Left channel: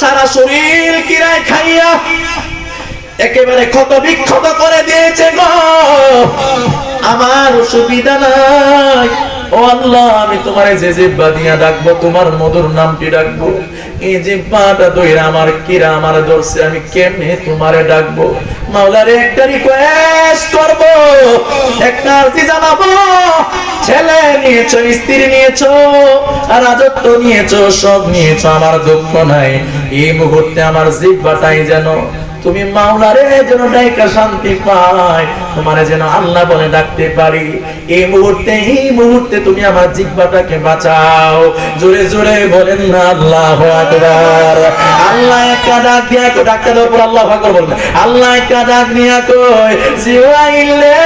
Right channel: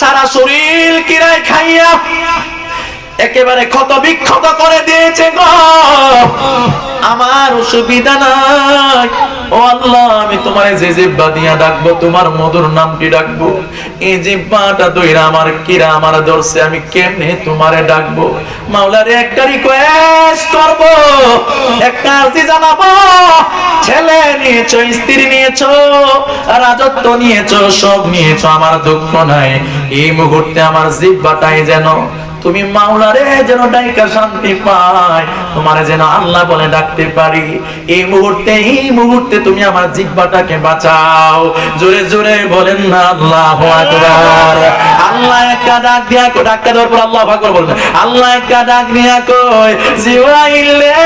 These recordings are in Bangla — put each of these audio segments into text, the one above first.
সারা শরীর কিরায় খাইয়া একেবারে ক্ষত বিক্ষত করে দিয়েছে গো। আমার অসুবিধা নাই, ও আল্লাহ আমি তোমার যে জিহ্বা দিয়া ডাকবো, তোমার মধুর নামটি ডাকবো, এই জিহ্বাটা দইরা আমার কিরা আমার ধরছে, আমি কেমনে তোমারে ডাকবো? মাওলারে একটা রিকোয়েস্ট করবো, একটা আরজি জানাবো। ছেলে নিয়েছো, স্ত্রী নিয়েছো, রাজত্ব নিয়েছো, সব নিয়েছো, আমার দুঃখ নাই। এই মুহূর্তে আমার জিহ্বাটাই যেন তুমি মাওলারে যেন ডাইকা শান্তি পায়, তোমারে যেন আল্লাহ বলে ডাকতে পারি। এই মুহূর্তে তুমি আমার জিহ্বাটাকে বাঁচাও। জোরে জোরে বলেন না আল্লাহু আকবার। আল্লাহ একটা ডাক দিয়া কই, ডাকতে দেওয়ার পর আল্লাহু আকবার বলবেন। আল্লাহ একটা ডাক দিয়া কই, জিবরাইল রে,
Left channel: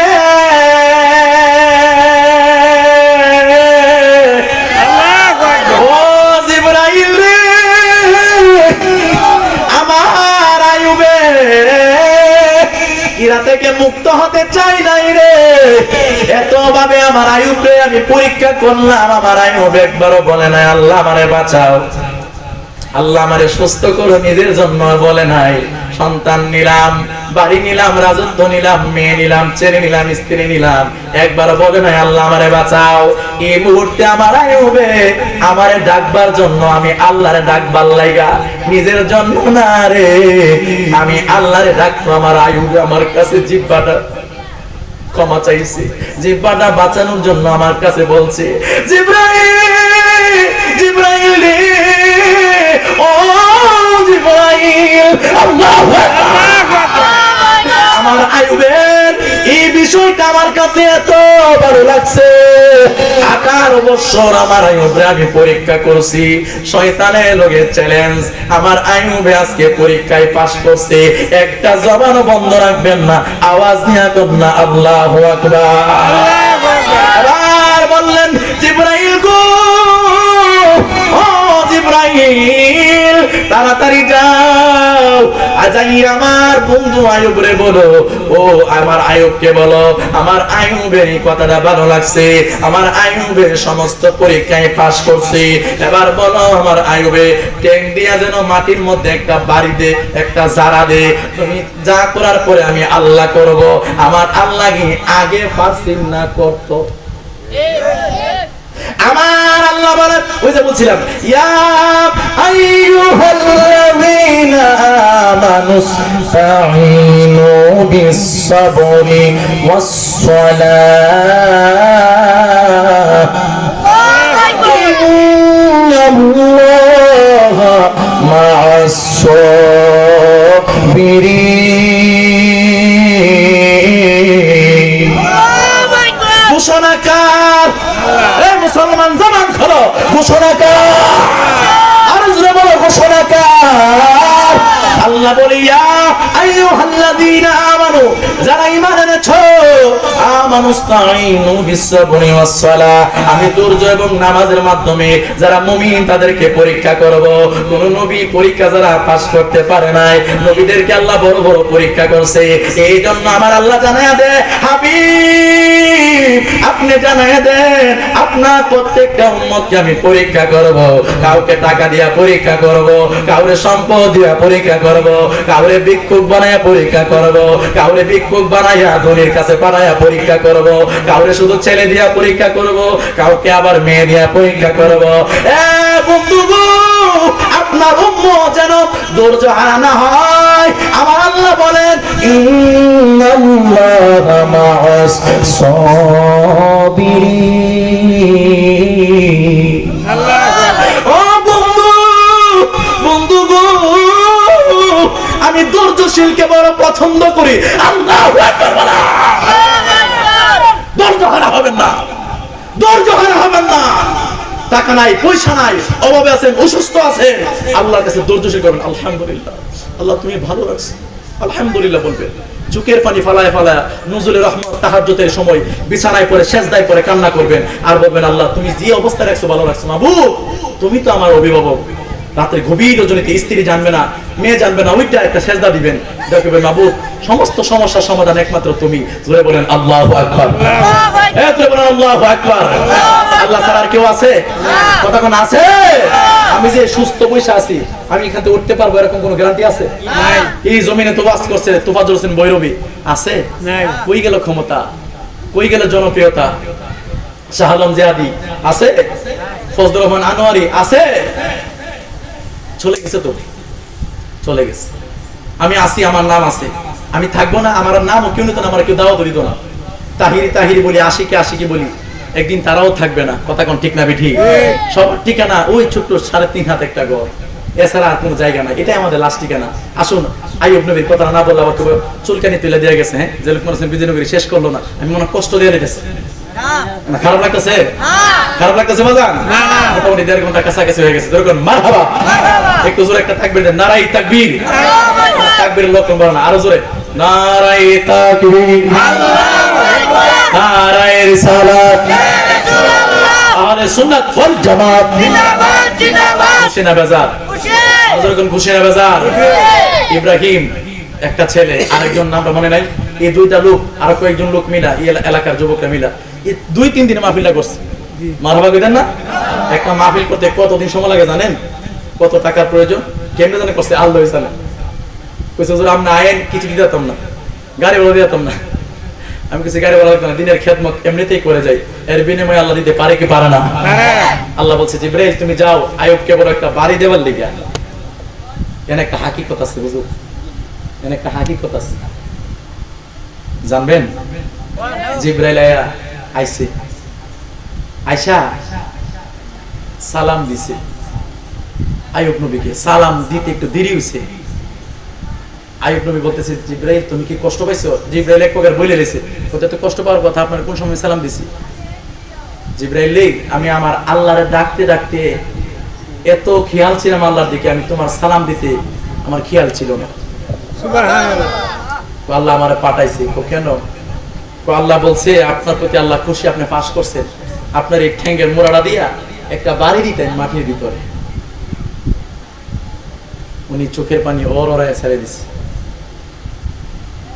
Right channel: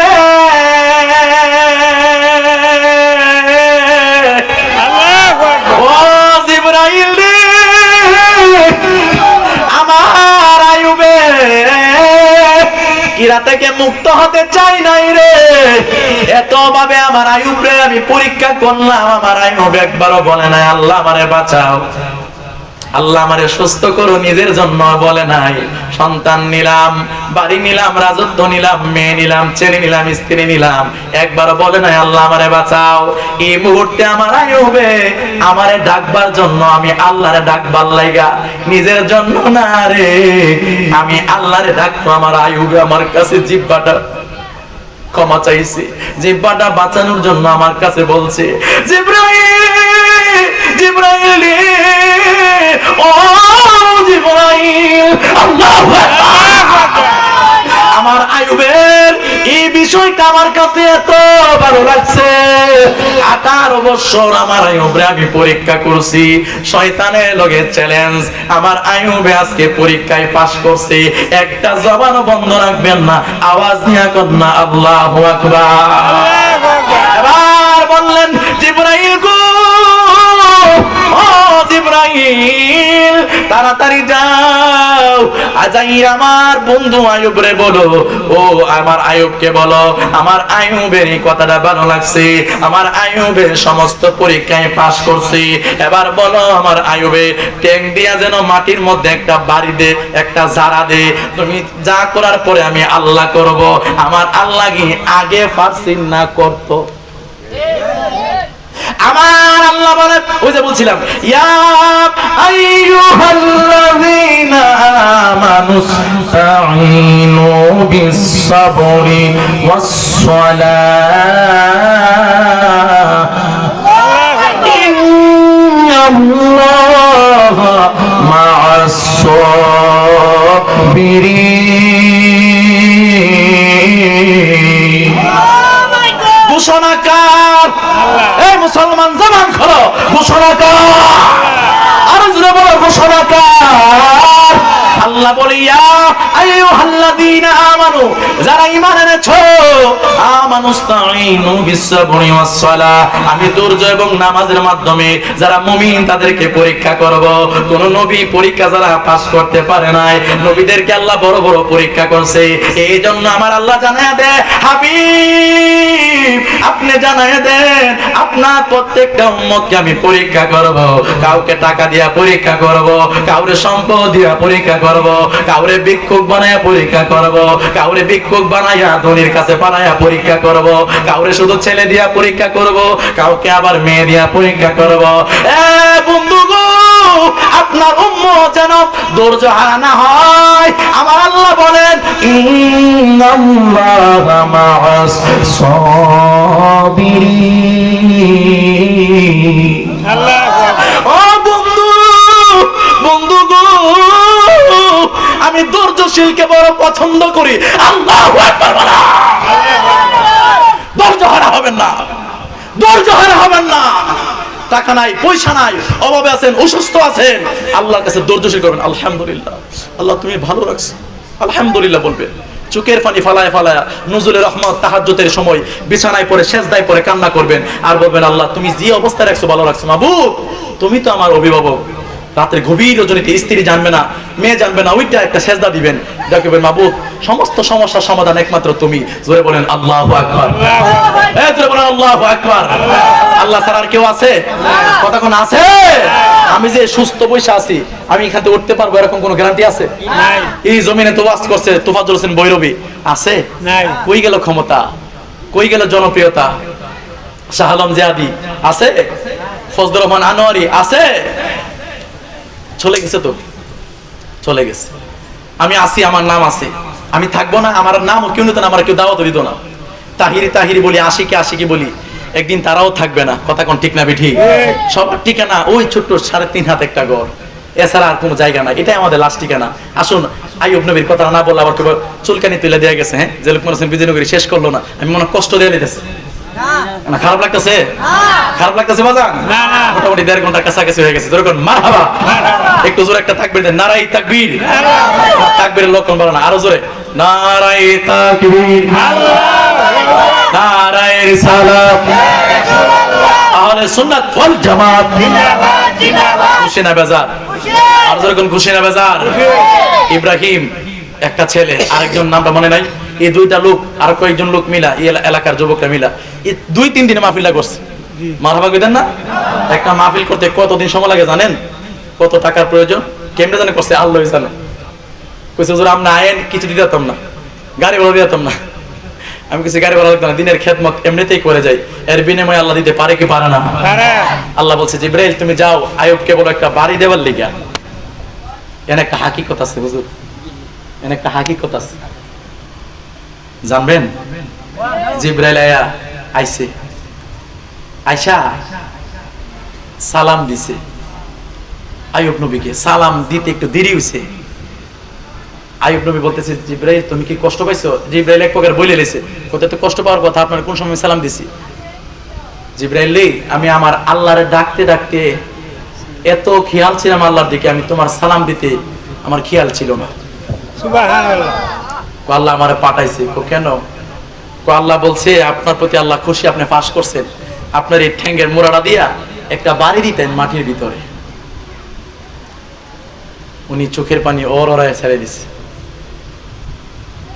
ও জিবরাইল রে, আমার আইয়ুবে কিরা থেকে মুক্ত হতে চাই নাই রে। এত ভাবে আমার আইয়ুবে আমি পরীক্ষা করলাম, আমার আইয়ুব একবারও বলে নাই আল্লাহ আমারে বাঁচাও, আল্লাহ আমারে সুস্থ করো, নিজের জন্য বলে নাই। সন্তান নিলাম, বাড়ি নিলাম, রাজত্ব নিলাম, মেয়ে নিলাম, ছেলে নিলাম, স্ত্রী নিলাম, একবার বলে নাই আল্লাহ আমারে বাঁচাও। এই মুহূর্তে আমার আইয়ুবে আমারে ডাকবার জন্য আমি আল্লাহরে ডাকবার লাইগা, নিজের জন্য না রে, আমি আল্লাহরে ডাকতো। আমার আইয়ুবে আমার কাছে জিহ্বাটা ক্ষমা চাইছে, জিহ্বাটা বাঁচানোর জন্য আমার কাছে বলছে, জিবরাইল, জিবরাইল, ও জিবরাইল, আল্লাহু আকবার। আমার আইয়ুবের এই বিষয়টা আমার কাছে এত ভালো লাগছে। 18 বছর আমার আইয়ুবরে আমি পরীক্ষা করছি, শয়তানের লগে চ্যালেঞ্জ। আমার আইয়ুবে আজকে পরীক্ষায় পাস করছে। একটা জবান বন্ধ রাখবেন না, আওয়াজ নিয়ে কর না আল্লাহু আকবার। এবার বললেন, জিবরাইল গো, ও জিবরাইল, তাড়াতাড়ি যাও, আজাইর আমার বন্ধু আইয়ুবরে বলো, ও আমার আইয়ুবকে বলো আমার আইয়ুবের এই কথাটা ভালো লাগছে, আমার আইয়ুবের সমস্ত পরীক্ষায় পাস করছে। এবার বলো আমার আইয়ুবে ট্যাং দিয়া যেন মাটির মধ্যে একটা বাড়ি দে, একটা জারা দে, তুমি যা করার পরে আমি আল্লাহ করব। আমার আল্লাহ কি আগে পারছিন না করতো? আমার আল্লাহ বলে, ওই যে বলছিলাম, ইয়া আইয়ুহাল্লাযীনা আমানুস্তাঈনু বিস-সাবরি ওয়াস-সালাহ, ইন্নাল্লাহা মা'আস-সাবিরিন। ঘোষণাকার, এই মুসলমান জবান খোলো, ঘোষণাকার, আর জোরে বলো ঘোষণাকার। আল্লাহ বলে, ইয়া আইয়ুহাল্লাযীনা আমানু, যারা ঈমান এনেছো, আমানুস্তাঈনু বিস-সাবরি ওয়াস-সালাহ, আমি ধৈর্য এবং নামাজের মাধ্যমে যারা মুমিন তাদেরকে পরীক্ষা করব। কোন নবী পরীক্ষা যারা পাস করতে পারে নাই, নবীদেরকে আল্লাহ বড় বড় পরীক্ষা করছে। এই জন্য আমার আল্লাহ জানায়া দেয়, হাবিব আপনি জানায়া দেন আপনার প্রত্যেকটা উম্মতকে আমি পরীক্ষা করব। কাউকে টাকা দিয়া পরীক্ষা করব, কাউরে সম্পদ দিয়া পরীক্ষা করব, কাউরে ভিক্ষুক বানায়া পরীক্ষা করব, কাউরে ভিক্ষুক বানায়া ধনীর কাছে পাঠায়া পরীক্ষা করব, কাউরে শুধু ছেলে দিয়া পরীক্ষা করব, কাউকে আবার মেয়ে দিয়া পরীক্ষা করব। এ বন্ধু গো, আপনার উম্মত যেন ধৈর্য হারা না হয়। আমার আল্লাহ বলেন, ইন্নাল্লাহা মা'আস-সাবিরিন। ও বন্ধু, বন্ধু গো, আমি ধৈর্যশীলকে বড় পছন্দ করি। আল্লাহু আকবার। ধৈর্য হারা হবেন না, ধৈর্য হারা হবেন না। টাকা নাই, পয়সা নাই, অভাবে আছেন, অসুস্থ আছেন, আল্লাহর কাছে ধৈর্যশীল করবেন। আলহামদুলিল্লাহ, আল্লাহ তুমি ভালো রাখছো, আলহামদুলিল্লাহ বলবেন। চোখের পানি ফালায় ফালায় নজরুলের রহমত তাহাজ্জুদের সময় বিছানায় পড়ে সেজদায় পড়ে কান্না করবেন আর বলবেন, আল্লাহ তুমি যে অবস্থায় রাখছো ভালো রাখছো, মাবুদ তুমি তো আমার অভিভাবক। রাতের গভীর রজনীতে স্ত্রী জানবে না, মেয়ে জানবে না, ওইটা একটা সেজদা দিবেন, দেখবেন মাবুদ সমস্ত সমস্যার সমাধান একমাত্র তুমি। জোরে বলেন আল্লাহু আকবার, জোরে বলেন আল্লাহু আকবার। আল্লাহ ছাড়া আর কেউ আছে? কথা কোন আছে? আমি যে সুস্থ বসে আছি, আমি এখান থেকে উঠতে পারবো এরকম কোনো গ্যারান্টি আছে? এই জমিনে তো ওয়াজ করছে তোফাজ্জল হোসেন বৈরবী, আছে? কই গেল ক্ষমতা, কই গেল জনপ্রিয়তা? শাহ আলম জিয়াদি আছে? ফজলুর রহমান আনোয়ারি আছে? চলে গেছে তো, চলে গেছে। আমি আছি, আমার নাম আছে, আমি থাকবো না? আমার নাম কেউ নিত না, আমার কেউ দাওয়াত দিত না। তাহিরি তাহিরি বলি, আশিকি আশিকি বলি, একদিন তারাও থাকবে না। কথা কোন ঠিক না বেঠি? সবার ঠিকানা ওই ছোট্ট 3.5 হাত একটা ঘর, এছাড়া আর কোনো জায়গা না। এটাই আমাদের লাস্ট ঠিকানা। আসুন, আইয়ুব নবীর কথা না বললে আবার চুলকানি তুলে দেওয়া গেছে। হ্যাঁ, যে লোকমান হোসেন বিজয়নগরী শেষ করলো না, আমি মনে কষ্ট দিয়ে দিতেছে না? খারাপ লাগতেছে? খারাপ লাগতেছে বাজান? মোটামুটি 1.5 ঘন্টার কাছাকাছি হয়ে গেছে। যেরকম মারহাবা, একটু জোরে একটা তাকবীর দেন। নারাই তাকবীর, তাকবীরের লক্ষণ বলো না, আরো জোরে। নারাই তাকবীর, নারাই রিসালাত, আহলে সুন্নাত ওয়াল জামাত জিন্দাবাদ। খুশি না বেজার? আর যেরকম খুশি না বেজার? ইব্রাহিম একটা ছেলে, আরেকজন নামটা মনে নাই, এই দুইটা লোক আর কয়েকজন লোক মিলা, এই এলাকার যুবকরা মিলা এই 2-3 দিনে মাহফিলটা করছে। মারহাবা কইতেন না? একটা মাহফিল করতে কতদিন সময় লাগে জানেন? কত টাকার প্রয়োজন? কেমনে জানে করছে? আল্লাহই জানে। কইছে হুজুর আমরা আইন কিছু দিতাম না, গাড়ি ভাড়া দিতাম না। আমি কিছু গাড়ি ভাড়া দিতাম না, দিনের খেদমত এমনিতেই করে যাই, এর বিনিময়ে আল্লাহ দিতে পারে কি পারে না? আল্লাহ বলছে জিবরাইল তুমি যাও আইয়ুবকে বড় একটা বাড়ি দেবার লিগা। এনে একটা হাকিকত আছে হুজুর, এনে একটা হাকিকত আছে, জানবেন? জিবরাইল আইছে, আয়সা সালাম দিছে আইয়ুব নবীকে। সালাম দিতে একটু দেরি হইছে। আইয়ুব নবী বলতেছে জিবরাইল তুমি কি কষ্ট পাইছো? জিবরাইল এক প্রকার বলে লেছে, ওতে তো কষ্ট পাওয়ার কথা, আপনার কোন সময় সালাম দিছি? জিবরাইল আমি আমার আল্লাহরে ডাকতে ডাকতে এত খেয়াল ছিলাম আল্লাহর দিকে, আমি তোমার সালাম দিতে আমার খেয়াল ছিল না। সুবহানাল্লাহ। আল্লাহ আমারে পাঠাইছে। কেন? আল্লাহ বলছে আপনার প্রতি আল্লাহ খুশি, আপনি পাস করছেন, আপনার এই ঠ্যাঙ্গের মোড়াটা দিয়া একটা বাড়ি দিতেন মাটির ভিতরে। উনি চোখের পানি ওরায় ছেড়ে দিছে,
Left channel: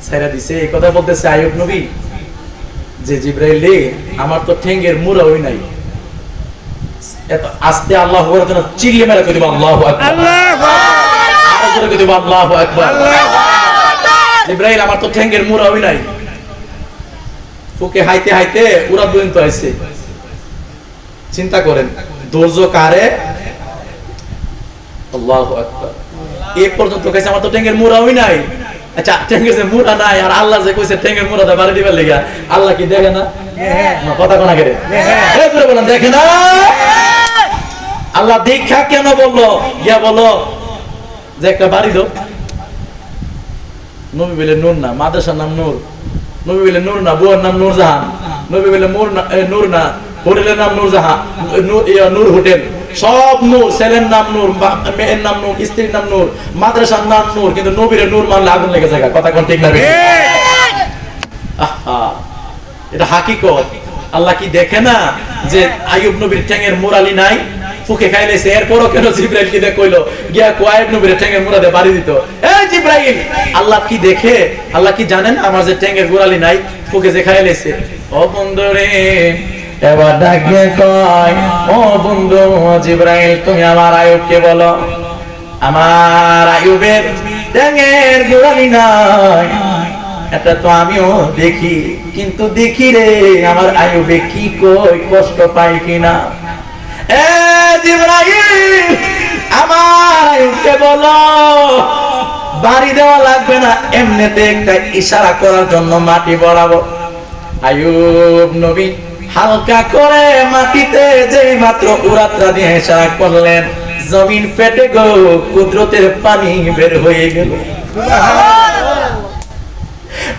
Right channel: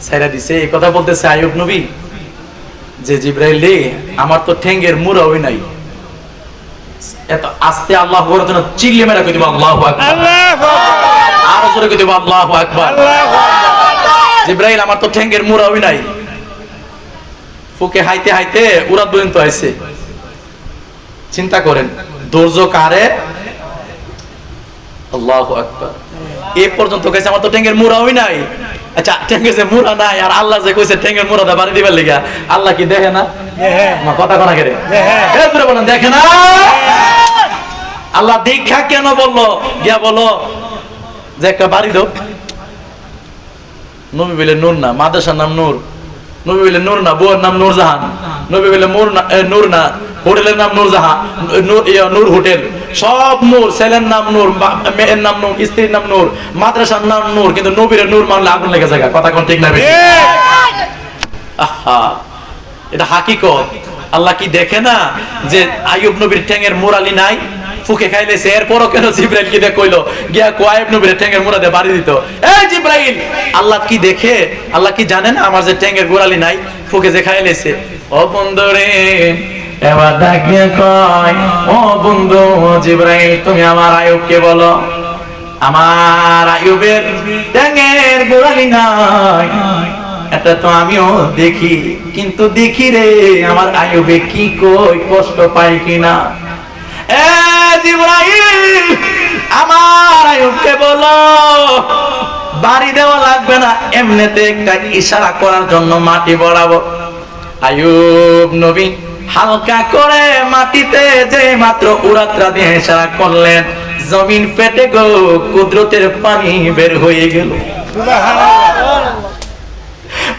ছেড়ে দিছে। এই কথা বলতেছে আইয়ুব নবী যে জিবরাইল রে আমার তো ঠ্যাঙ্গের মুড়া হই নাই। এত আস্তে আল্লাহু আকবার যেন চিল্লে মেরা কই দিব আল্লাহু আকবার, আরো জোরে কই দিব আল্লাহু আকবার। জিবরাইল আমার তো ঠ্যাঙ্গের মুড়া হই নাই। ফুকে হাইতে হাইতে উড়া পর্যন্ত আইছে। চিন্তা করেন ধৈর্য কারে? আল্লাহু আকবার। এই পর্যন্ত কইছে আমার তো ঠ্যাঙ্গের মুড়া হই নাই। আচ্ছা ঠ্যাঙ্গের যে মুড়া নাই, আর আল্লাহ যে কইছে ঠ্যাঙ্গের মুড়াটা বাড়ি দিবার লিগা, আল্লাহ কি দেখে না? না, কথা কোনা করে এই পুরো বলেন দেখে না? আল্লাহ দেখা কেন বললো? গিয়া বলো যে একটা বাড়ি দাও। নবী বলে নূর না, মাদ্রাসার নাম নূর। নবী বলে নূর না, বউয়ের নাম নূরজাহান। নবী বলে নূর না, হোটেলের নাম নূরজাহান, নূর হোটেল। সব নূর, ছেলের নাম নূর, মেয়ের নাম নূর, স্ত্রীর নাম নূর, মাদ্রাসার নাম নূর, কিন্তু নবীর নূর মানলে আগুন লেগে যায়। কথা কোন ঠিক না? এটা হাকিকত। আল্লাহ কি দেখে না যে আইয়ুব নবীর ঠ্যাঙের মোড়ালি নাই, ফুকে খাইলেছে? এরপরও কেন জিবরাইল কি দেখ কইলো গিয়া আইয়ুব নবীর ঠ্যাঙের মোড়া দিয়ে বাড়ি দিত? এই জিবরাইল, আল্লাহ কি দেখে? আল্লাহ কি জানেন আমার যে ঠ্যাঙের গোড়ালি নাই, ফুকে যে খাইলেছে? ও বন্ধু রে, এবার ডাকে কয় ও বন্ধু জিবরাইল তুমি আমার আইয়ুবকে বলো আমার আইয়ুবের ঠ্যাঙের গোড়ালি নাই। এটা তো আমিও দেখি, কিন্তু দেখি রে আমার আইয়ুবে কি কই কষ্ট পাই কিনা। এ জিবরাইল আমার আইয়ুবকে বলো বাড়ি দেওয়া লাগবে না, এমনিতে একটা ইশারা করার জন্য মাটি বরাবর। আইয়ুব নবী হালকা করে মাটিতে যে মাত্র উড়াত্রা দিয়ে ইশারা করলেন, জমিন ফেটে গো কুদরতের পানি বের হয়ে গেল।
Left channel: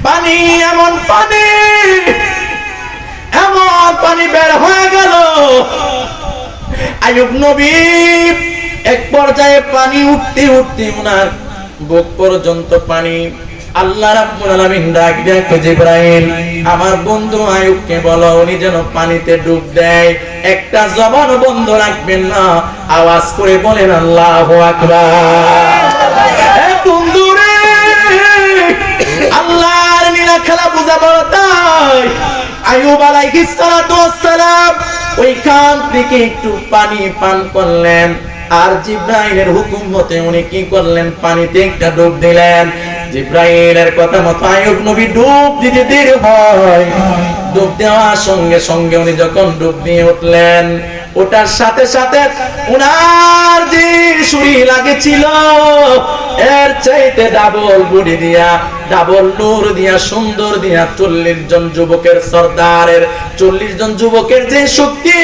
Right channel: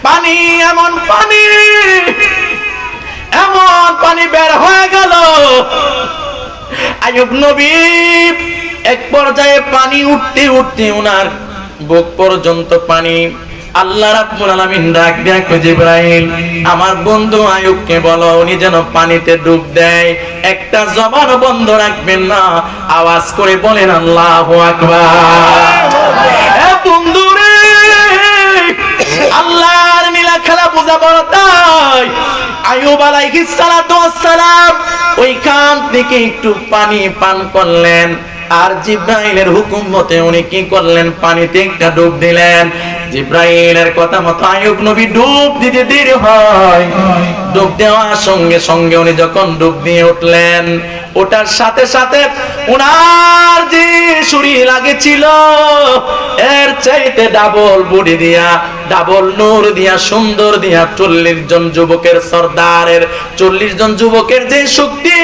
পানি এমন পানি, এমন পানি বের হয়ে গেল। আইয়ুব নবী এক পর্যায়ে পানি উঠতে উঠতে উনার বুক পর্যন্ত পানি। আল্লাহ রাব্বুল আলামিন ডাক দিয়ে জিবরাইল আমার বন্ধু আইয়ুবকে বলো উনি যেন পানিতে ডুব দেয়, একটা জবান বন্ধ রাখবেন না, আওয়াজ করে বলেন আল্লাহু আকবার। এ বন্ধু রে, আল্লাহর নীলা খেলা বুঝা বড় তাই। আইয়ুব আলাইহিস সালাতু ওয়াস সালাম ওইখান থেকে একটু পানি পান করলেন। আর জিব্রাইলের হুকুম মতে উনি কি করলেন, পানিতে একটা ডুব দিলেন। জিব্রাইলের কথা মতো আইয়ুব নবী ডুব দিতে দেরি হয়। ডুব দেওয়ার সঙ্গে সঙ্গে উনি যখন ডুব দিয়ে উঠলেন, ওটার সাথে সাথে উনার যে শরীর লাগেছিল এর চাইতে ডাবল বডি দিয়া, ডাবল নূর দিয়া, সুন্দর দিয়া 40 জন যুবকের সর্দারের 40 জন যুবকের যে শক্তি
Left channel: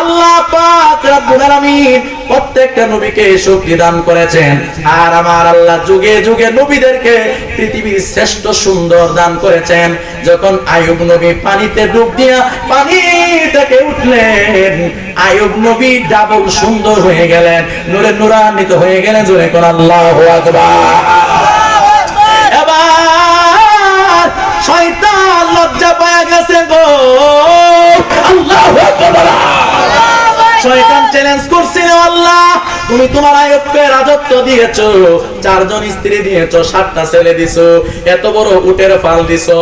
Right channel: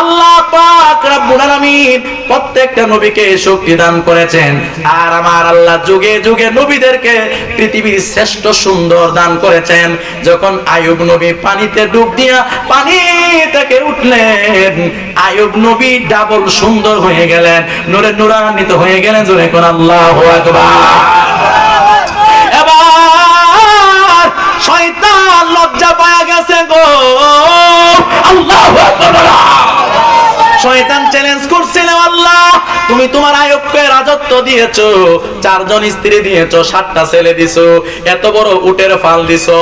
আল্লাহ পাক রব্বুল আলামিন প্রত্যেকটা নবীকে শক্তি দান করেছেন। আর আমার আল্লাহ যুগে যুগে নবীদেরকে পৃথিবীর শ্রেষ্ঠ সুন্দর দান করেছেন। যখন আইয়ুব নবী পানিতে ডুব দিয়া পানি থেকে উঠলেন, আইয়ুব নবী ডাবল সুন্দর হয়ে গেলেন, নূরে নূরান্বিত হয়ে গেলেন। জোরে কোন আল্লাহু আকবার। এবার শয়তান লজ্জা পায় গেছে গো, আল্লাহু আকবার। শয়তান চ্যালেঞ্জ করছিল, আল্লাহ তুমি তোমার আইয়ুবকে রাজত্ব দিয়েছো, 4 জন স্ত্রী দিয়েছো, 7টা ছেলে দিছো, এত বড় উটের ফাল দিছো,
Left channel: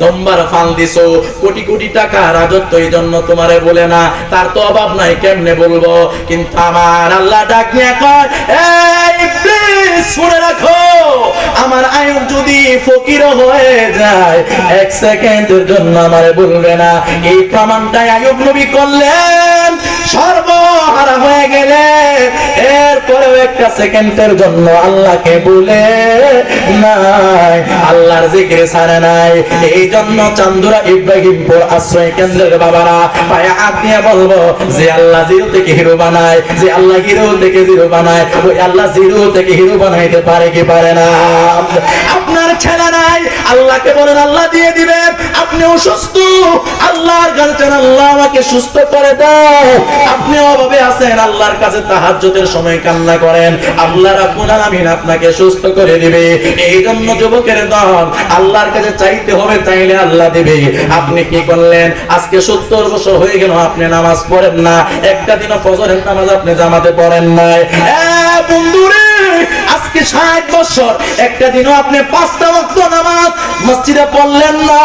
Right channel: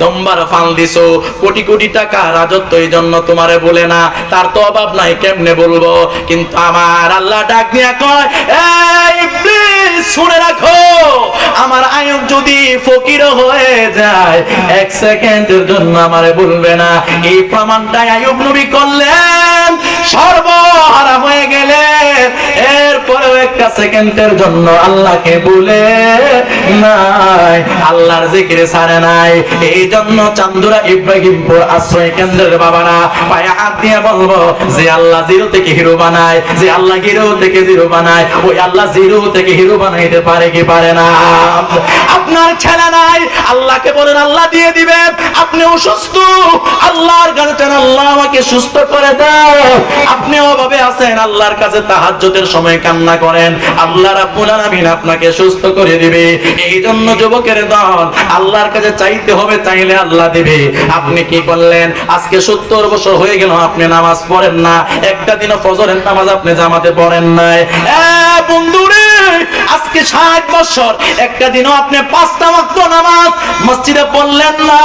দম্বার ফাল দিছো, কোটি কোটি টাকা রাজত্ব এই জন্য তোমারে বলে না, তার তো অভাব নাই, কেমনে বলবো? কিন্তু আমার আল্লাহ ডাক দিয়ে কয়, এই ইবলিস শুনে রাখো, আমার আইয়ুব যদি ফকির হয়ে যায় 1 সেকেন্ডের জন্য আমারে বলবে না। এই প্রমাণটাই আইয়ুব নবী করলেন। সর্বহারা হয়ে গেলে এরপরেও 1 সেকেন্ডের জন্য আল্লাহকে বলে নাই, আল্লাহর জিকিরে ছাড়ে নাই। এই জন্য চান্দুরা ইব্রাহিমপুর আশ্রয় কেন্দ্রের বাবারা পায়ে হাত দিয়ে বলবো, যে আল্লাহ জিরো থেকে হিরো বানায়, যে আল্লাহ হিরো থেকে জিরো বানায়, ওই আল্লাহ জিরো থেকে হিরো বানাইতে পারে কি পারে না? আপনার ছেলে নাই, আল্লাহকে বলেন আল্লাহ দিয়ে দিবে। আপনি অসুস্থ, আল্লাহর কাছে চান আল্লাহ আমাকে সুস্থ করে দাও। আপনি অভাবে আছেন, আল্লাহর কাছে তাহাজ্জুদের সময় কান্না করেন, আল্লাহ রাব্বুল আলামিন আপনাকে সুস্থ করে দিবে। এই জন্য যুবকের দল আল্লাহর কাছে চাইতে হবে, চাইলে আল্লাহ দিবে। আপনি কি করলেন? আজকে 70 বছর হয়ে গেল আপনি নামাজ পড়েন না, একটা দিনও ফজরের নামাজ আপনি জামাতে পড়েন নাই। বন্ধুরে, আজকে 60 বছর একটা দিনও আপনি 5টা ওয়াক্ত নামাজ মসজিদে পড়লেন না।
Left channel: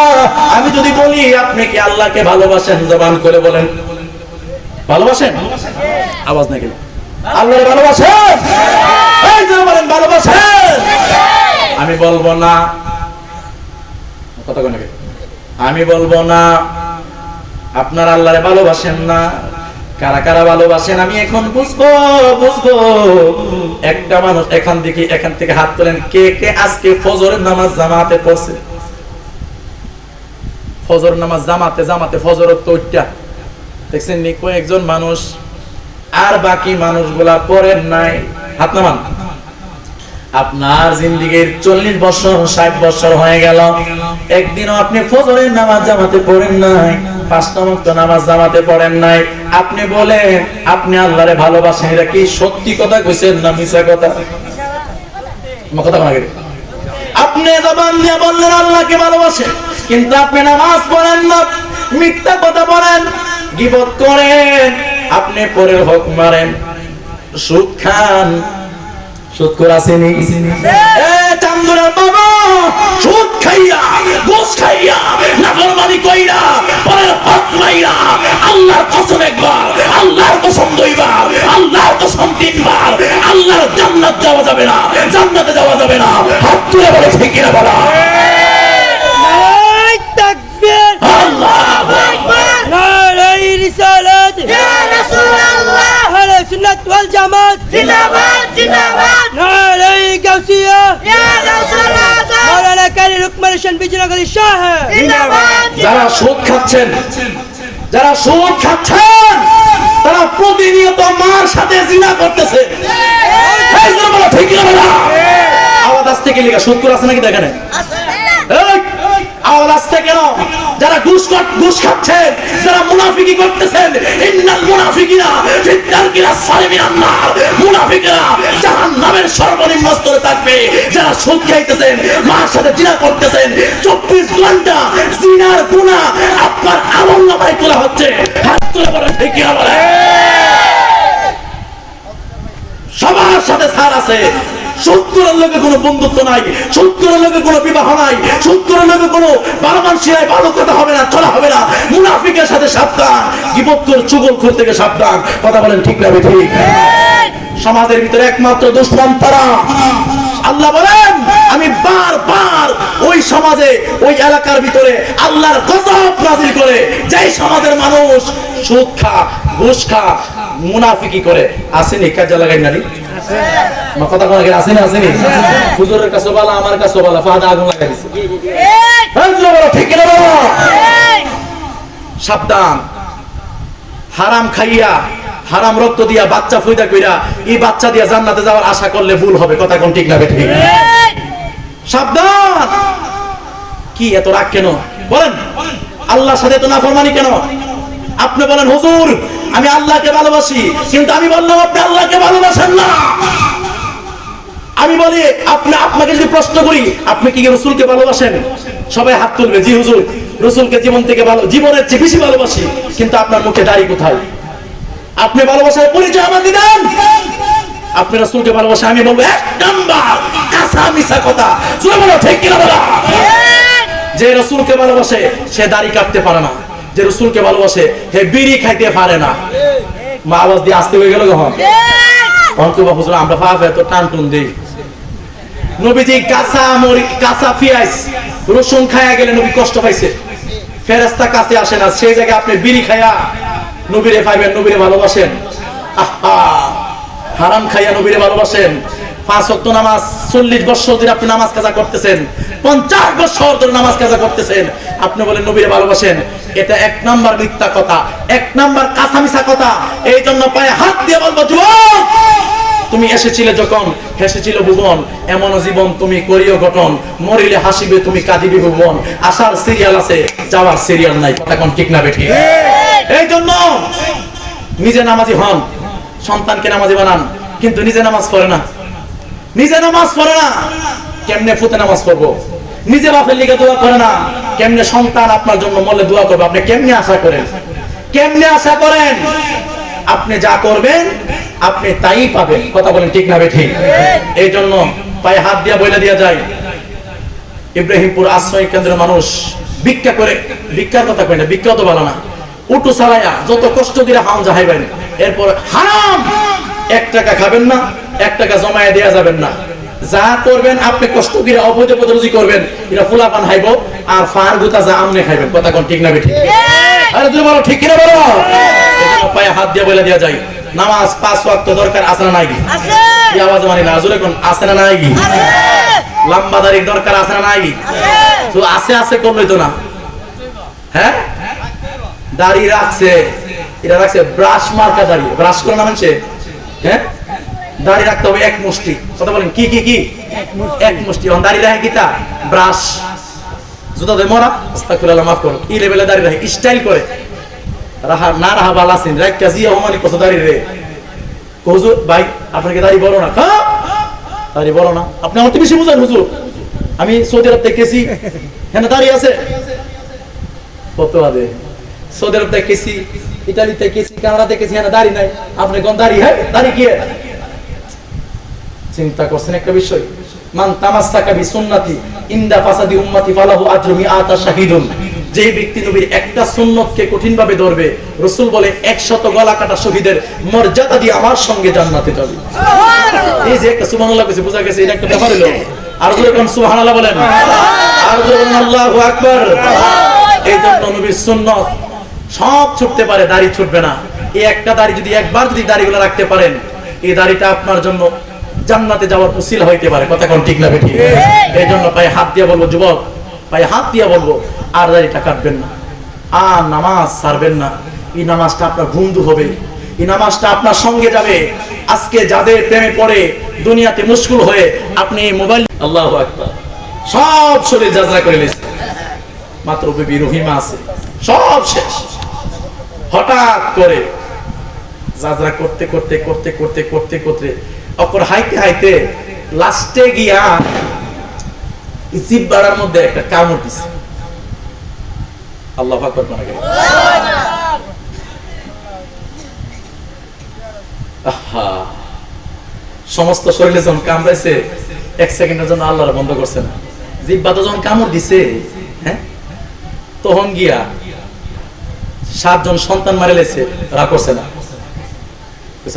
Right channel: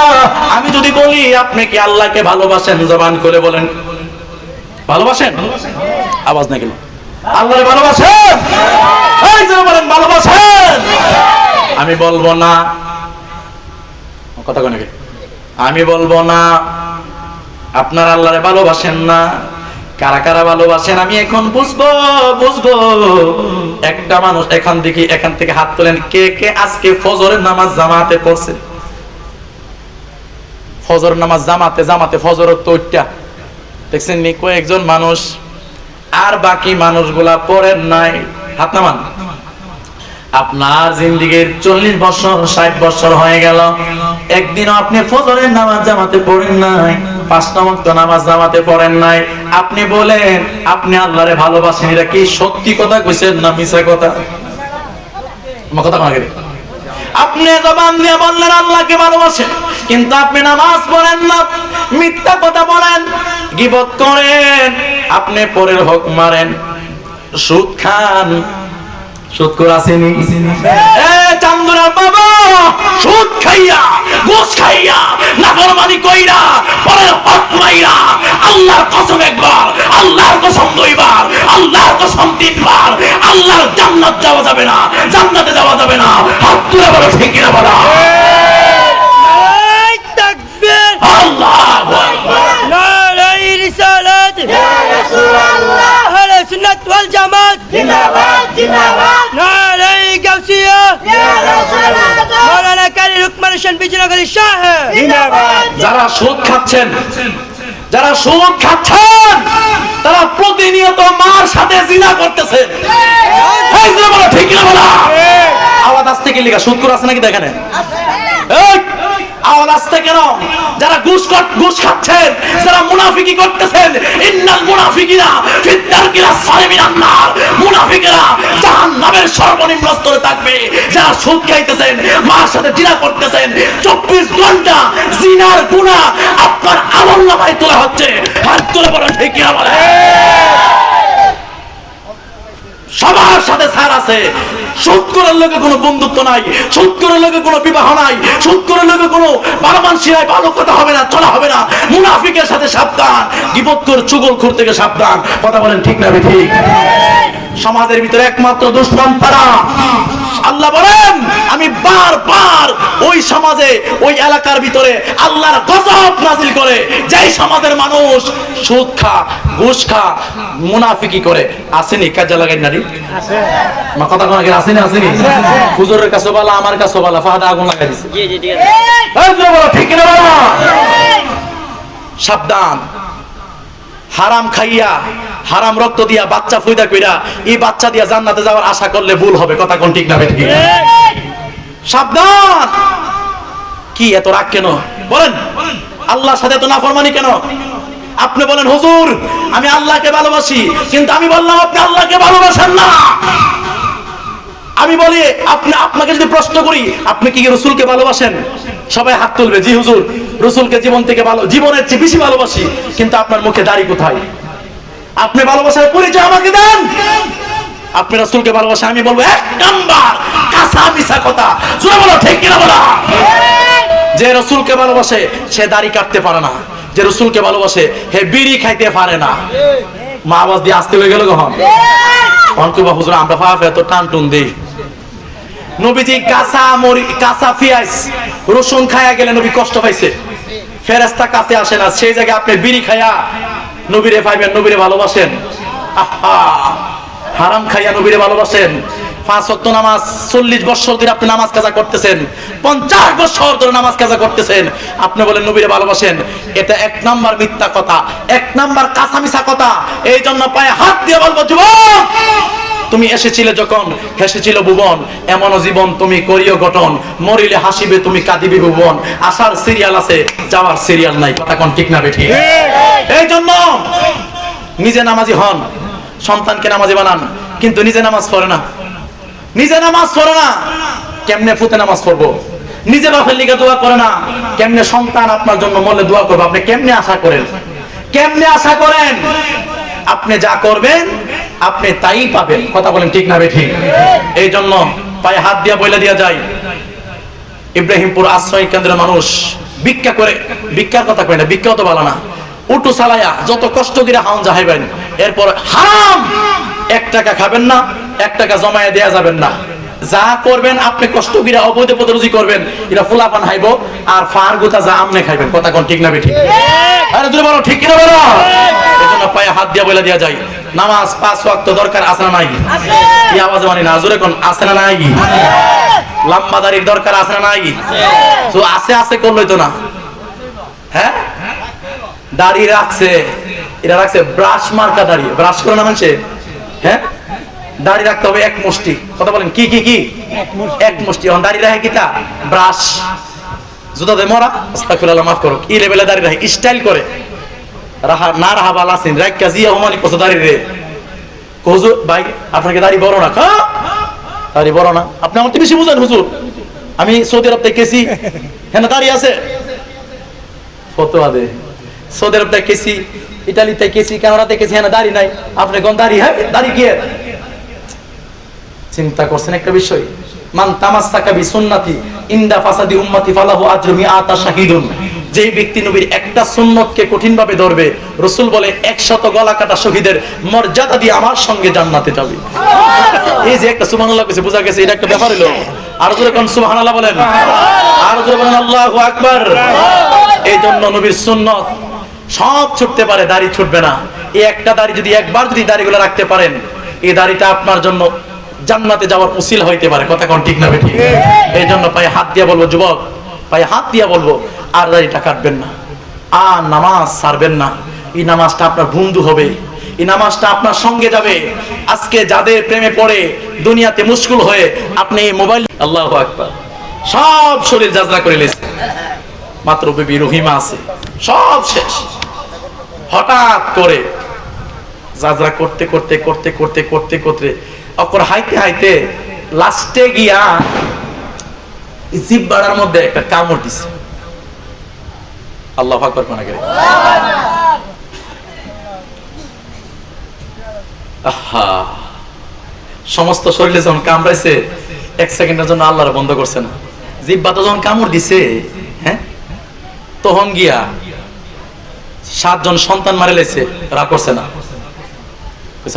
আমি যদি বলি আপনি কি আল্লাহকে ভালোবাসেন, জবান করে বলেন ভালোবাসেন? আওয়াজ না কেন? আল্লাহরে ভালোবাসেন? এই যে বলেন ভালোবাসেন। আমি বলবো না, কথা কোন? আমি বলবো না আপনার আল্লাহরে ভালোবাসেন না। কারা কারা ভালোবাসেন আমি এখন বুঝবো। একটা মানুষ এখান থেকে হাত তোলেন, কে কে আজকে ফজরের নামাজ জামাতে পড়ছে? ফজর নামাজ জামাতে ফজরের তো ওইটা দেখছেন নি? কয়েকজন মানুষ, আর বাকি মানুষগুলা পড়েন নাই। হাত নামান। আপনার জিন্দেগীর 40 বছর 60 বছর হয়ে গেল, একদিনও আপনি ফজরের নামাজ জামাতে পড়েন নাই, 5টা ওয়াক্ত নামাজ জামাতে পড়েন নাই। আপনি বলেন আপনি আল্লাহরে ভালোবাসেন, এটা কি সত্যি কথা কইছেন না মিছা কথা? আমার কথা বলা গেল। আপনি জবান দিয়ে বললেন আল্লাহকে ভালোবাসেন, কিন্তু আপনি নামাজ পড়েন না, মিথ্যা কথা বলেন, গীবত করেন, আপনি পরের হক মারেন, সুদ খান। সুদ করে আসেনি? চান্দুরার বাবা সুদ খাইয়া, ঘুষ খাইয়া, নাফরমানি কইরা, পরের হক মাইরা, আল্লাহর কসম একবার, আল্লাহর কসম 2 বার, আল্লাহর কসম 3 বার, আল্লাহর জান্নাত যাওয়া যাবে না, জান্নাতে যাওয়া যাবে না। হাত তুলে বলো ঠিক কিনা বলো। আল্লাহু আকবার। নারায়ে রিসালাত, ইয়া রাসূলুল্লাহ, আহলে সুন্নাত ওয়াল জামাত, জিন্দাবাদ জিন্দাবাদ। নারায়ে গাউসিয়া, ইয়া রাসূলুল্লাহ, মাওলানা কারি লুকমান হোসেন বিজনগরী শাহ, জিন্দাবাদ। যারা সুদ খাচ্ছেন, তারা প্রতিনিয়ত মার সাথে জিনা করতেছে। এই যে বলো ঠিক কিনা বলো। আওয়াজ আসতে কি লিখা সুদ করে আছে নাকি দেখেন? এই আওয়াজ আসতে কেন? যারা ঘুষ খাচ্ছেন, যারা মুনাফিকি করতেছেন, ইন্নাল মুনাফিকিনা ফিদ দারকিল আসফালি মিনান নার, মুনাফিকরা জাহান্নামের সর্বনিম্ন স্তরে থাকবে। যারা সুদ খাইতেছেন, মার সাথে জিনা করতেছেন, 24 ঘন্টা জিনার গুনাহ আপনার আমলনামায় তোলা হচ্ছে। হাত তুলে বলেন ঠিক কি বলে। সবার সাথে ছাড় আছে। সুদ করার লোকে কোনো বন্ধুত্ব নাই, সুদ করার লোকে কোনো বিবাহ নাই, সুদ করার লোকে কোনো ভালোমানসিয়ায় ভালো কথা হবে না, চলা হবে না। মুনাফিকের সাথে সাবধান, গীবতখোর চুগলখোর থেকে সাবধান। কথা বলেন ঠিক না ঠিক? সমাজের ভিতরে একমাত্র দুশমন তারা। আল্লাহ বলেন আমি বারবার ওই সমাজে ওই এলাকার ভিতরে আল্লাহর গজব নাযিল করে, যেই সমাজের মানুষ সুদ খা, ঘুষ খা, মুনাফিকি করে। আসেনি কাজে লাগাই নারী মা কথা কোন আসেনি, আসেনি হুজুরের কাছে বলা, আমার কাছে বলা, ফাহাদা আগুন লাগাই দিছে। ঠিক কিনা বলো? সাবধান, হারাম খাইয়া হারাম রক্ত দিয়া বাচ্চা ফয়দা কইরা এই বাচ্চা দিয়া জান্নাতে যাওয়ার আশা করলে ভুল হবে। কথা কোন ঠিক না ঠিক? সাবধান। কি এত রাগ কেন বলেন? আল্লাহর সাথে তো নাফরমানি কেন? আপনি বলেন হুজুর আমি আল্লাহকে ভালোবাসি, কিন্তু আমি বললাম আপনি আল্লাহকে ভালোবাসেন না। আমি বলি আপনাকে যদি প্রশ্ন করি আপনি কি রাসূলকে ভালোবাসেন? সবাই হাত তুলবে, জি হুজুর রাসূলকে জীবন থেকে জীবনের চেয়ে বেশি ভালোবাসি। কিন্তু আপনার মুখে দাড়ি কোথায়? আপনি ভালোবাসার পরিচয় আমাকে দেন। আপনি রাসূলকে ভালোবাসেন, আমি বলবো এক নাম্বার কাঁচা মিছা কথা। শুনে বলো ঠিক কিনা বলো? যে রাসূলকে ভালোবাসে সে দাড়ি কাটতে পারে না, যে রাসূলকে ভালোবাসে হে বিড়ি খাইতে পারে না। মা আওয়াজ দিয়ে আসতে হয়ে গেল কখন? অন্তবা হুজুর আমরা ফাফে তো টান টুন দেই। নবীজি কাঁচা পেঁয়াজ রসুন খায়া গেলে নবী কষ্ট পাইছে, ফেরেশতা কাছে আসে না। সেই জায়গায় আপনি বিড়ি খায়া নবীরে পাইবেন, নবীরে ভালোবাসেন। আহা, হারাম খাইয়া নবীরে ভালোবাসেন। 5 ওয়াক্ত নামাজ 40 বছর ধরে আপনি নামাজ কাজা করতেছেন, 50 বছর ধরে নামাজ কাজা করতেছেন, আপনি বলেন নবীরে ভালোবাসেন। এটা এক নাম্বার মিথ্যা কথা, এক নাম্বার কাঁচা মিছা কথা। এই জন্য পায়ে হাত দিয়ে বলবো যুবক, তুমি এসেছিলে যখন হেসেছিল ভুবন, এমন জীবন তুমি করিও গঠন, মরিলে হাসিবে তুমি কাঁদিবে ভুবন। আসার সিরিয়াল আছে, যাওয়ার সিরিয়াল নাই। কথা কোন ঠিক না বেঠিক? এই জন্য নিজে নামাজি হন, সন্তানকে নামাজি বানান, কিন্তু নিজে নামাজ পড়ে না। নিজে নামাজ পড়ে না, কেমনে ফুতে নামাজ পড়বো? নিজে বাপের লিগে দোয়া করে না, কেমনে সন্তান আপনার জন্য মরলে দোয়া করবে? আপনি কেমনে আশা করেন? কেমনে আশা করেন? আপনি যা করবেন আপনি তাই পাবেন। কথা বলেন ঠিক না বেঠিক? এই জন্য পায়ে হাত দিয়া বইলা দিয়া যায়, ইব্রাহিমপুর আশ্রয় কেন্দ্রের মানুষ ভিক্ষা করে, ভিক্ষার কথা কয় না, ভিক্ষা তো ভালো না, উটু চালাইয়া যত কষ্ট করে হাউন যাহাইবেন, এরপর হারাম 1 টাকা খাবেন না, 1 টাকা জমায়ে দেয়া যাবেন না। যা করবেন আপনি কষ্ট করে অবৈধ পথে রুজি করবেন, এটা ফুলাপান খাইবো আর ফার গুতা যা আমনে খাইবেন। কথা কোন ঠিক না বেঠিক? আরে তুই বলো ঠিক কিনা বলো? এজন্য পায়ে হাত দিয়া বইলা দিয়া যায়, নামাজ 5 ওয়াক্ত দরকার আছে না নাই? কি আওয়াজ মানি না হুজুর এখন আছে না নাই? লম্বা দাড়ির দরকার আছে না নাই? তো আছে আছে করলই তো না। হ্যাঁ দাড়ি রাখছে, এটা রাখছে ব্রাশ মার্কা দাড়ি, ব্রাশ করে না মানছে। হ্যাঁ দাড়ি রাখতে হবে 1 মুষ্টি। কথা বলেন কি কি কি? 1 মুষ্টি। এখন দাড়ি রাখে কিটা? ব্রাশ। জুতা দে মরা, আস্তাগফিরুল্লাহ, মাফ করো, এই লেভেলে দাড়ি রাখে, স্টাইল করে। রাহা না রাহা বালাসিন রাখ কাজিয়া ওমালি কত দাড়ি রে। হুজুর ভাই আপনাকে দাড়ি বড় না? হ্যাঁ দাড়ি বড় না, আপনি আমার থেকে বেশি বুঝেন হুজুর। আমি সৌদি আরব থেকে গেছি, হ্যাঁ দাড়ি আছে কত আদে। সৌদি আরব থেকে গেছি, ইতালিতে গেছি, কানাডাতে গেছি, হ্যাঁ দাড়ি নাই। আপনি কোন দাড়ি? হ্যাঁ দাড়ি কি? চিন্তা করছেন একটা বিষয়? মান তামাসসাকা বিসুন্নতি ইনদা ফাসাদি উম্মতি ফালাহু আজরু মিআতা শাহিদুন। যেই ব্যক্তি নবীর একটা সুন্নতকে কঠিনভাবে ধরবে, রাসূল বলে 100 গলা কাটা শহীদের মর্যাদা দিয়ে আমার সঙ্গে জান্নাতে যাবে। এই যে একটা সুবহানাল্লাহ কইছে, বোঝা গেছে এটা একটা ব্যাপার হলো। আর জোরে কোন সুবহানাল্লাহ বলেন, আর জোরে বলেন আল্লাহু আকবার। এই জন্য নবীর সুন্নত সব ছুটতে পারে, দাড়ি ছুটবে না। এই একটা দাড়ি যদি একবার যদি দাড়িগুলো রাখতে পারেন, এই দাড়িটা আপনার জন্য জান্নাতে যাওয়ার উসিলা হইতে পারে। কথা কোন ঠিক না বেঠিক? এই জন্য পায়ে হাত দিয়ে বলবো যুবক, পায়ে হাত দিয়ে বলবো আর দাড়িটা কাটবেন না, আর নামাজ ছাড়বেন না। এই নামাজটা আপনার বন্ধু হবে, এই নামাজটা আপনার সঙ্গে যাবে। আজকে যাদের প্রেমে পড়ে দুনিয়াতে মুশকুল হয়ে আপনি মোবাইল, আল্লাহু আকবার, সব শরীর যাজরা করে নিয়েছে, মাত্র বিবি রহিমা আছে, সব শেষ। হঠাৎ করে যাজরা করতে করতে করতে করতে করতে করতে অপর হাইতে হাইতে লাস্টে গিয়া জিহ্বার মধ্যে একটা কামড় দিছে। আল্লাহু আকবার কোন করে। আহা, সমস্ত শরীরে যখন কামড়াইছে 1 সেকেন্ডের জন্য আল্লাহর বন্ধ করছে না। জিহ্বাতে যখন কামড় দিছে, হ্যাঁ তখন গিয়া 7 জন সন্তান মারে লাইছে, রাগ করছে না।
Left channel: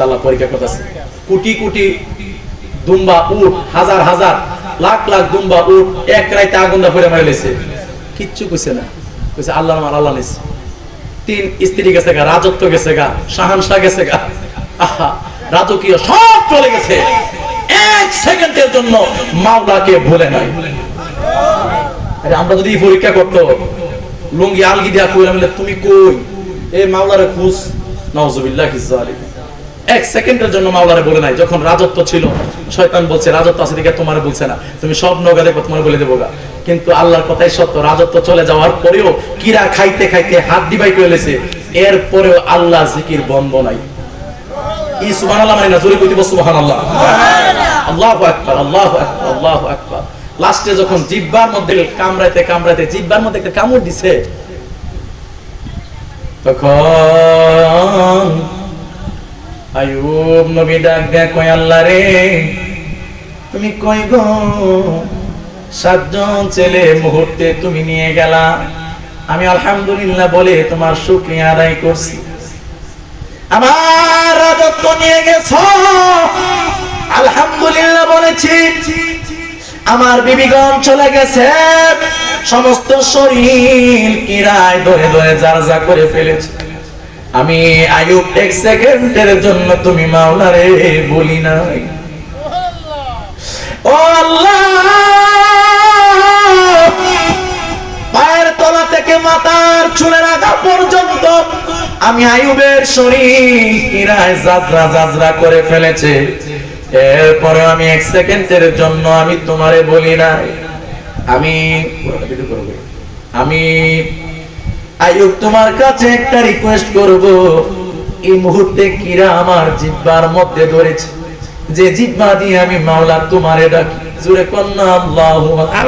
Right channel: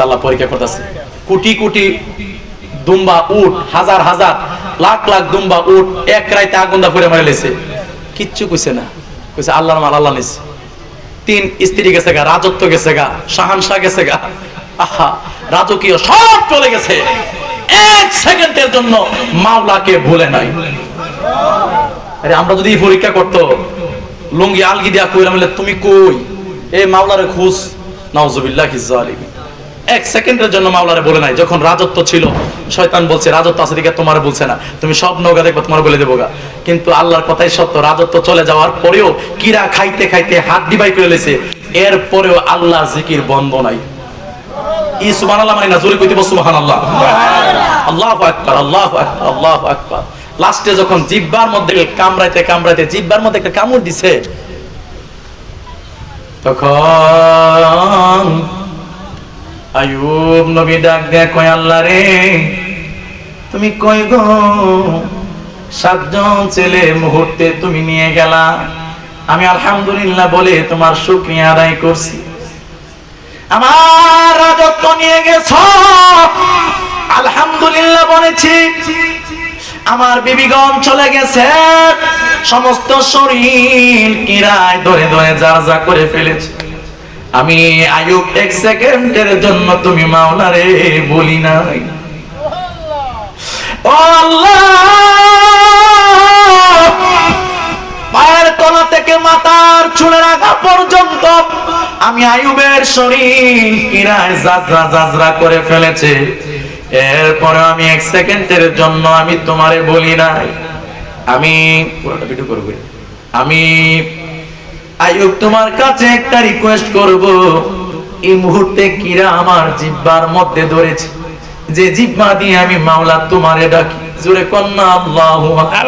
আল্লাহ পরীক্ষা করতেছে। কোটি কোটি দুম্বা উট, হাজার হাজার লাখ লাখ দুম্বা উট এক রাইতে আগুন দা পড়ে মারিলেছে, কিচ্ছু কইছে না। কইছে আল্লাহর মাল আল্লাহ নিছে। 3 স্ত্রী গেছে গা, রাজত্ব গেছে গা, শাহানশাহ গেছে গা, আহা রাজকীয় সব চলে গেছে, 1 সেকেন্ডের জন্য মাওলাকে ভুলে নাই। আরে আমরা যদি পরীক্ষা করতো, লুঙ্গি আলগি দিয়া কইরা বলে তুমি কই, এই মাওলারে খুঁজ, নাউজুবিল্লাহি যালিম। 1 সেকেন্ডের জন্য মাওলারে বলে নাই। যখন রাজত্ব ছিল, শয়তান বলছে রাজত্ব আছে দিকে তোমার বলছে না, তুমি সব নৌকা দেখো তোমার বলে দেবো গা। কিন্তু আল্লাহর কথাই সত্য, রাজত্ব চলে যাওয়ার পরেও কিরা খাইতে খাইতে হাত দিবাই করে লেছে, এরপরেও আল্লাহ জিকির বন্ধ নাই। ই সুবহানাল্লাহ মানে না, জোরে কইতে বল সুবহানাল্লাহ, আল্লাহু আকবার, আল্লাহু আকবার, আল্লাহু আকবার। লাস্টে যখন জিহ্বার মধ্যে কামড়াইতে কামড়াইতে জিহ্বার মধ্যে একটা কামড় দিছে, তখন আইয়ুব নবী ডাক দেয়া কয় আল্লাহ রে তুমি কই গো, 7 জন ছেলে মুহূর্তে তুমি নিয়ে গেলা, আমি আলহামদুলিল্লাহ বলে তোমার শুকরিয়া আদায় করছি। আমার রাজত্ব নিয়ে গেছ, আলহামদুলিল্লাহ বলেছি। আমার বিবিগণ চলে গেছে, সমস্ত শরীর কিরায় ধরে ধরে জারজা করে ফেলেছে। আমি আইয়ুব 1 সেকেন্ডের জন্য তুমি মাওলারে বলি নাই। ও আল্লাহ, পায়ের তলা থেকে মাথার চুলের আগা পর্যন্ত আমি আইয়ুবের শরীর কিরায় জাজরা জাজরা করে ফেলেছে, এরপরে আমি 1 সেকেন্ডের জন্য আমি তোমারে বলি নাই। আমি পুরোটা ভিডিও করব। আমি আইয়ুব তোমার কাছে একটা রিকোয়েস্ট করব, এই মুহূর্তে কিরা আমার জিহ্বার মধ্যে ধরেছে, যে জিহ্বা দিয়ে আমি মাওলা তোমারে ডাকি, জোরে কন্না আল্লাহু আকবার।